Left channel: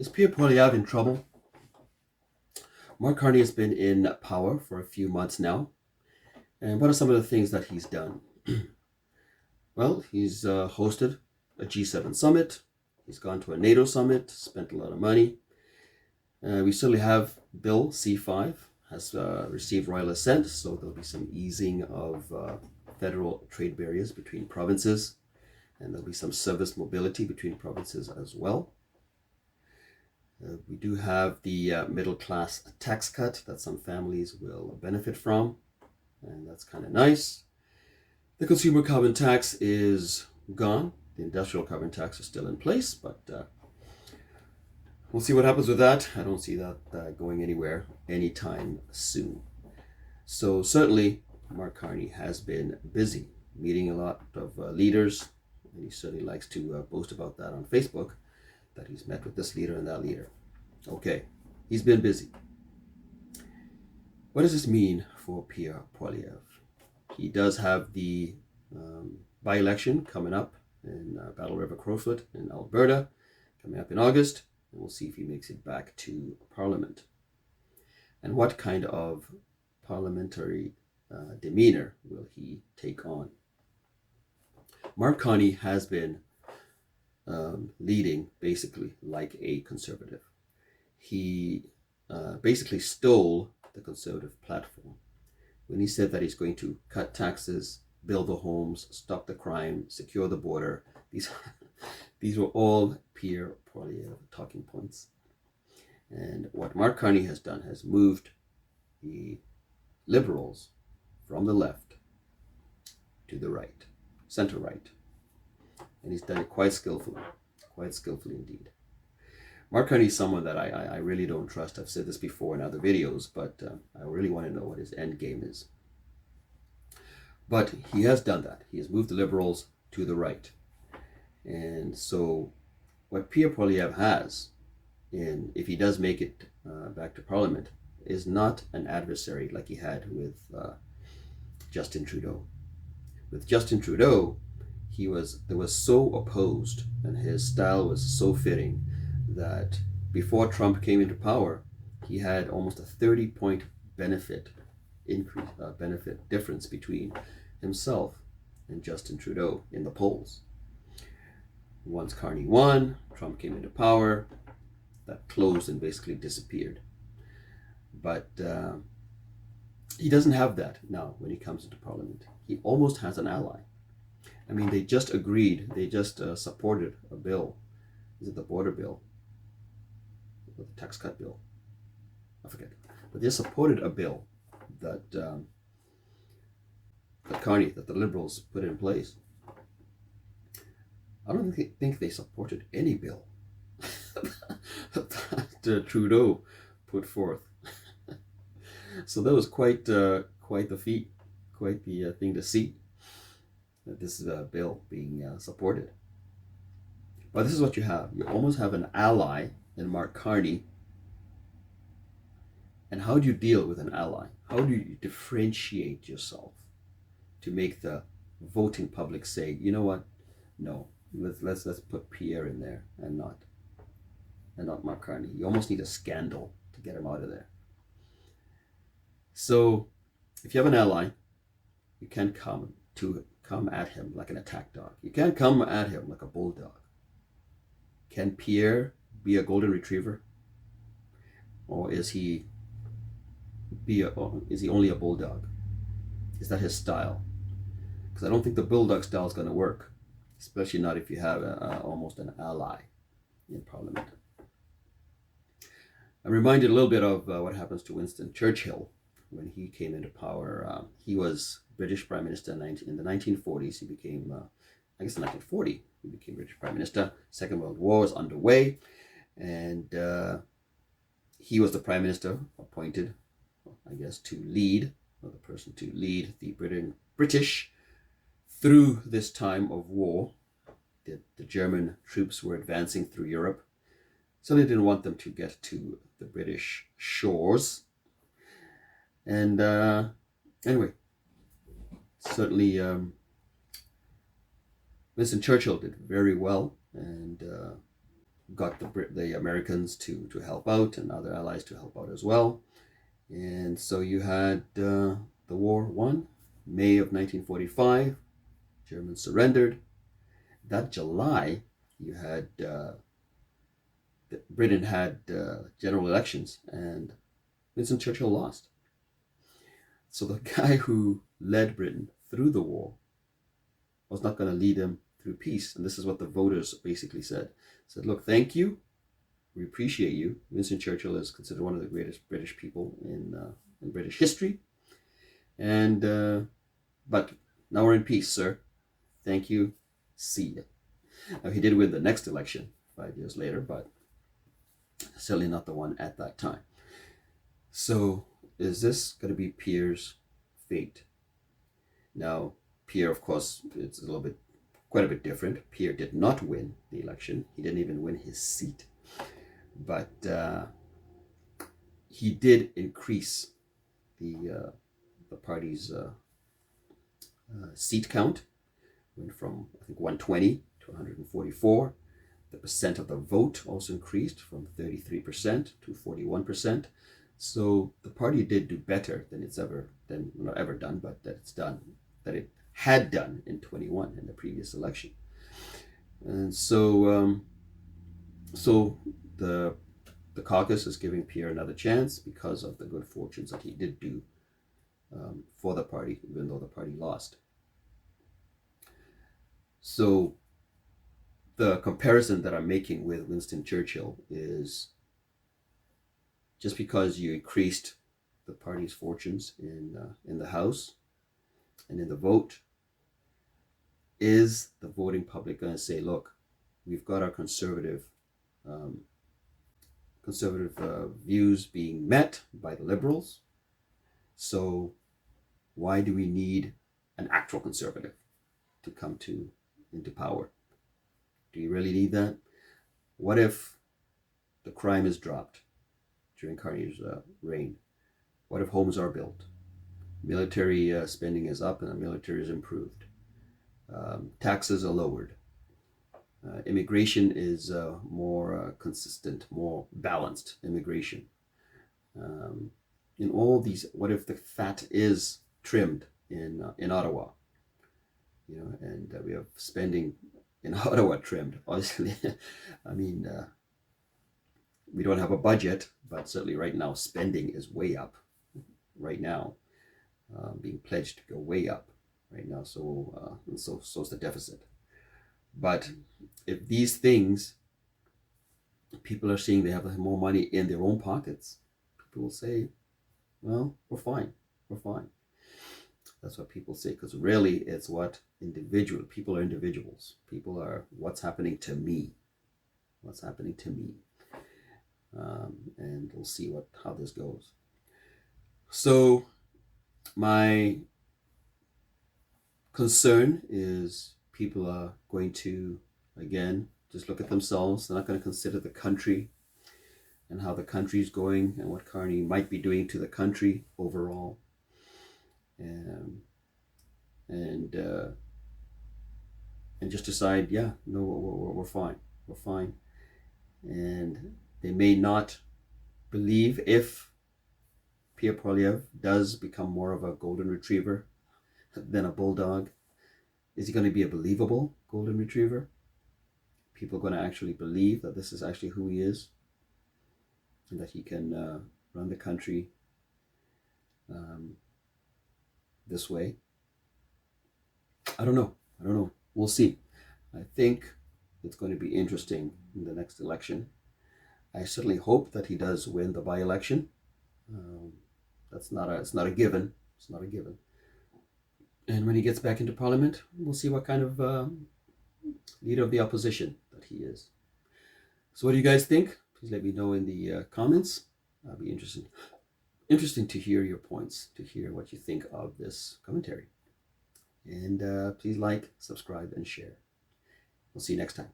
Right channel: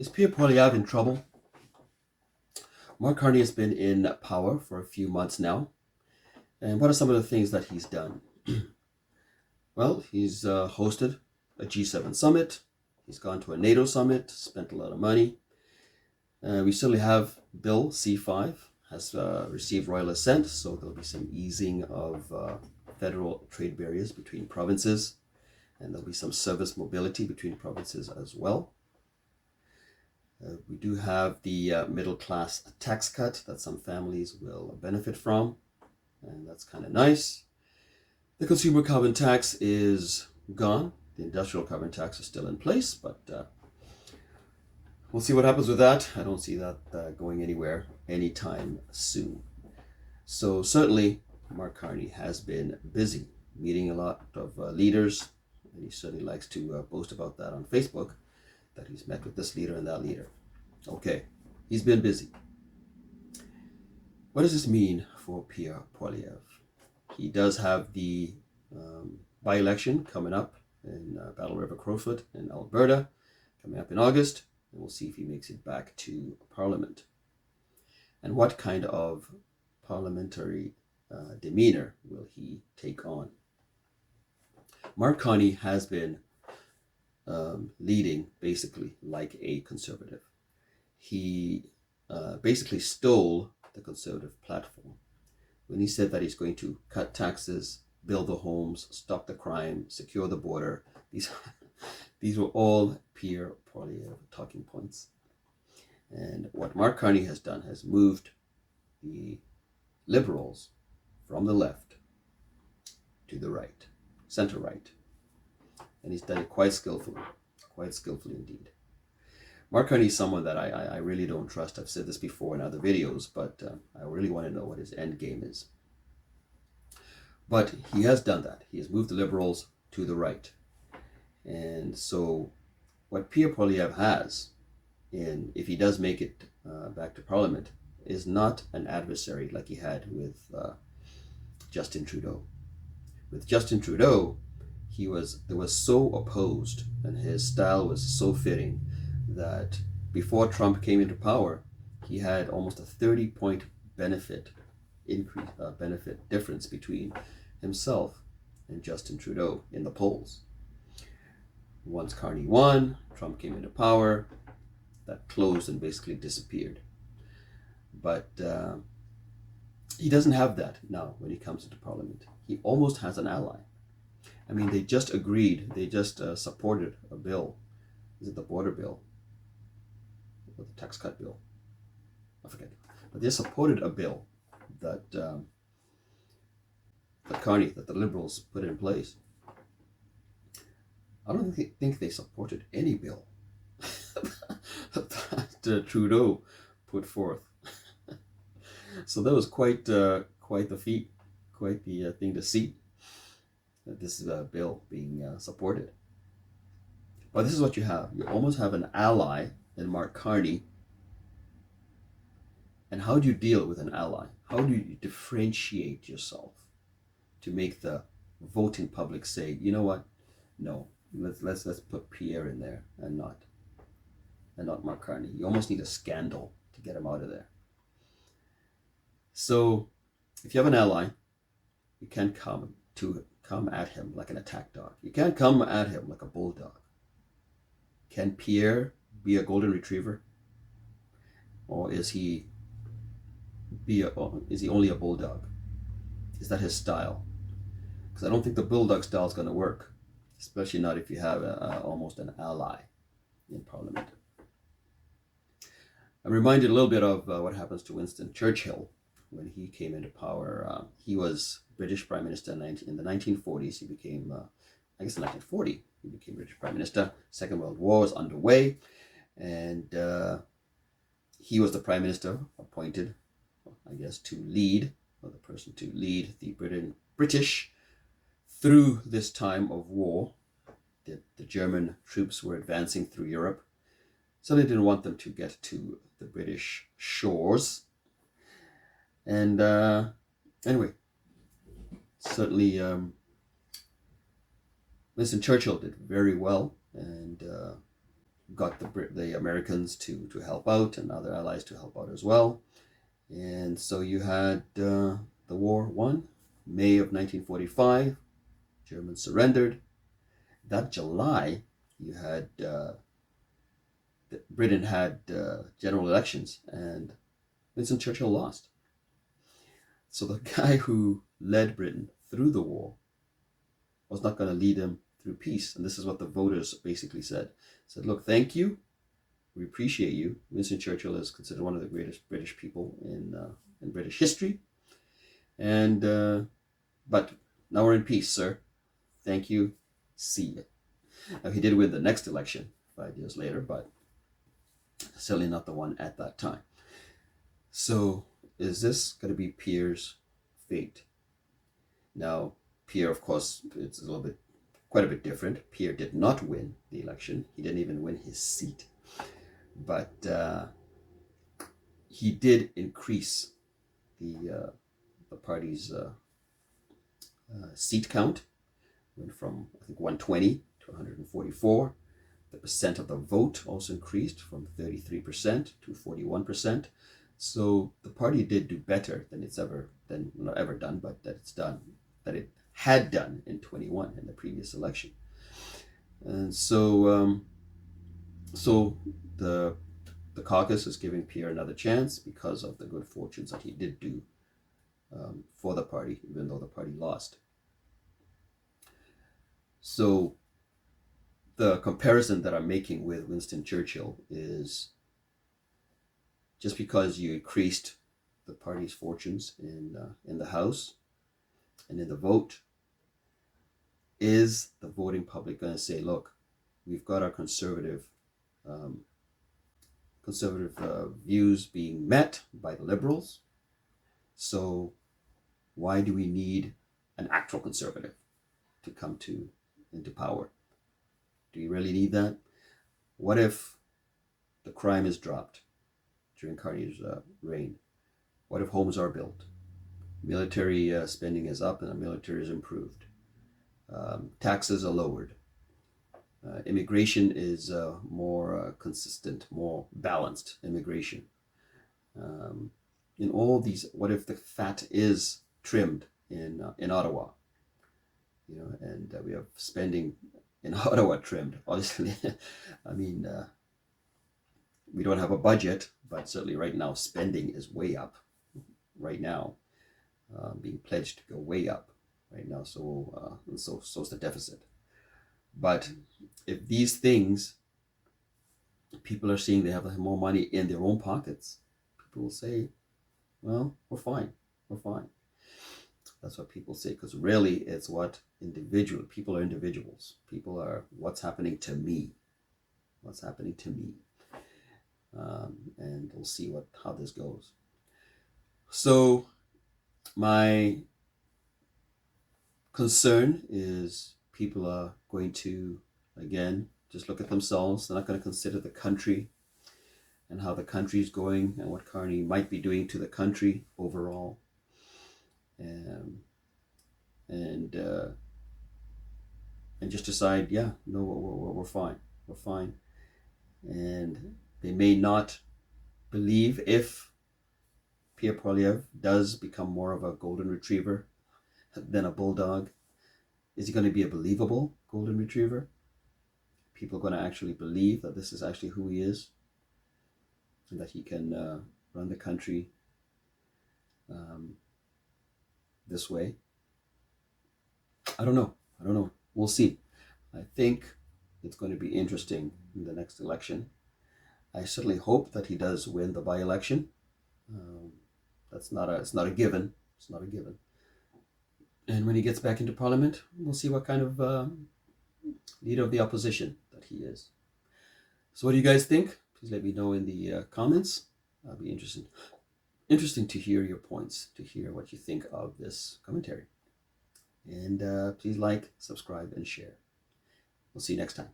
Is Pierre Poilievre in trouble? Mark Carney has been in power for a few months now. And what are some of the things that he's done? Well, he's hosted a G7 summit. He's gone to a NATO summit, spent a lot of money. We certainly have Bill C5 has received royal assent, so there'll be some easing of federal trade barriers between provinces, and there'll be some service mobility between provinces as well. We do have the middle class tax cut that some families will benefit from, and that's kind of nice. The consumer carbon tax is gone. The industrial carbon tax is still in place, but we'll see what happens with that. I don't see that going anywhere anytime soon. So certainly, Mark Carney has been busy meeting a lot of leaders, and he certainly likes to boast about that on Facebook, that he's met with this leader and that leader. Okay, he's been busy. What does this mean for Pierre Poilievre? He does have the by-election coming up in Battle River Crowfoot in Alberta, coming up in August, and we'll see if he makes it back to Parliament. And what kind of parliamentary demeanor will he take on? Mark Carney has been leading basically like a conservative. He basically stole the conservative platform when he said that he's going to cut taxes, build the homes, stop the crime, secure the border. These were all Pierre Poilievre talking points. And what Mark Carney has done has moved the Liberals from the left to the right, center right. And he's done it quite skillfully indeed. Mark Carney is someone that I really don't trust. I've said this before in other videos, but I really want to know what his end game is. But he has done that. He has moved the Liberals to the right. And so what Pierre Poilievre has, if he does make it back to Parliament, is not an adversary like he had with Justin Trudeau. With Justin Trudeau, he was so opposed, and his style was so fitting, that before Trump came into power, he had almost a 30-point benefit difference between himself and Justin Trudeau in the polls. Once Carney won, Trump came into power, that closed and basically disappeared. But he doesn't have that now when he comes into Parliament. He almost has an ally. I mean, they just supported a bill. Is it the border bill? Or the tax cut bill? I forget. But they supported a bill that the Liberals put in place. I don't think they supported any bill that Trudeau put forth. So that was quite the feat, quite the thing to see, that this is a bill being supported. But this is what you have. You almost have an ally in Mark Carney. And how do you deal with an ally? How do you differentiate yourself to make the voting public say, you know what? No, let's put Pierre in there and not Mark Carney. You almost need a scandal to get him out of there. So if you have an ally, you can't come at him like an attack dog. You can't come at him like a bulldog. Can Pierre be a golden retriever? Or is he only a bulldog? Is that his style? Because I don't think the bulldog style is going to work, especially not if you have almost an ally in Parliament. I'm reminded a little bit of what happens to Winston Churchill when he came into power. He was British Prime Minister in the 1940s. He became, in 1940, he became British Prime Minister. Second World War was underway, and he was the Prime Minister appointed, to lead, or the person to lead the British through this time of war. The German troops were advancing through Europe, so they didn't want them to get to the British shores. And anyway, certainly Winston Churchill did very well and got the Americans to help out and other allies to help out as well. And so you had the war won, May of 1945. Germans surrendered. That July, you had Britain had general elections, and Winston Churchill lost. So the guy who led Britain through the war was not going to lead them through peace. And this is what the voters basically said. Said, look, thank you. We appreciate you. Winston Churchill is considered one of the greatest British people in British history. And but now we're in peace, sir. Thank you. See ya. Now, he did win the next election 5 years later, but certainly not the one at that time. So is this going to be Pierre's fate? Now, Pierre, of course, it's quite a bit different. Pierre did not win the election. He didn't even win his seat. But he did increase the party's seat count. Went from, I think, 120 to 144. The percent of the vote also increased from 33% to 41%. So the party did do better than not ever done, but that it had done in 21 in the previous election. And so the caucus is giving Pierre another chance because of the good fortunes that he did do for the party, even though the party lost. So the comparison that I'm making with Winston Churchill is just because you increased the party's fortunes in the House and in the vote, is the voting public going to say, look, we've got our conservative views being met by the Liberals, so why do we need an actual conservative to come into power? Do you really need that? What if the crime is dropped during Carney's reign? What if homes are built? Military spending is up and the military is improved. Taxes are lowered. Immigration is more consistent, more balanced immigration. In all these, what if the fat is trimmed in Ottawa? And we have spending in Ottawa trimmed. Obviously, I mean, we don't have a budget, but certainly right now spending is way up. Right now, being pledged to go way up right now. So is the deficit. But if these things, people are seeing they have more money in their own pockets, people will say, well, we're fine. That's what people say, because really it's what people are individuals. People are, what's happening to me? And we'll see how this goes. So my concern is people are going to, again, just look at themselves. They're not going to consider the country and how the country is going and what Carney might be doing to the country overall. And just decide, yeah, no, we're fine. And they may not believe if Pierre Poilievre does become more of a golden retriever than a bulldog. Is he going to be a believable golden retriever? People are going to actually believe that this is actually who he is, and that he can run the country this way. I don't know. We'll see. I think it's going to be interesting in the next election. I certainly hope that he does win the by-election. It's not a given. And when he gets back into Parliament, we'll see what kind of leader of the opposition that he is. So what do you guys think? Please let me know in the comments. I'll be interesting to hear your points, to hear what you think of this commentary. And please like, subscribe, and share. We'll see you next time.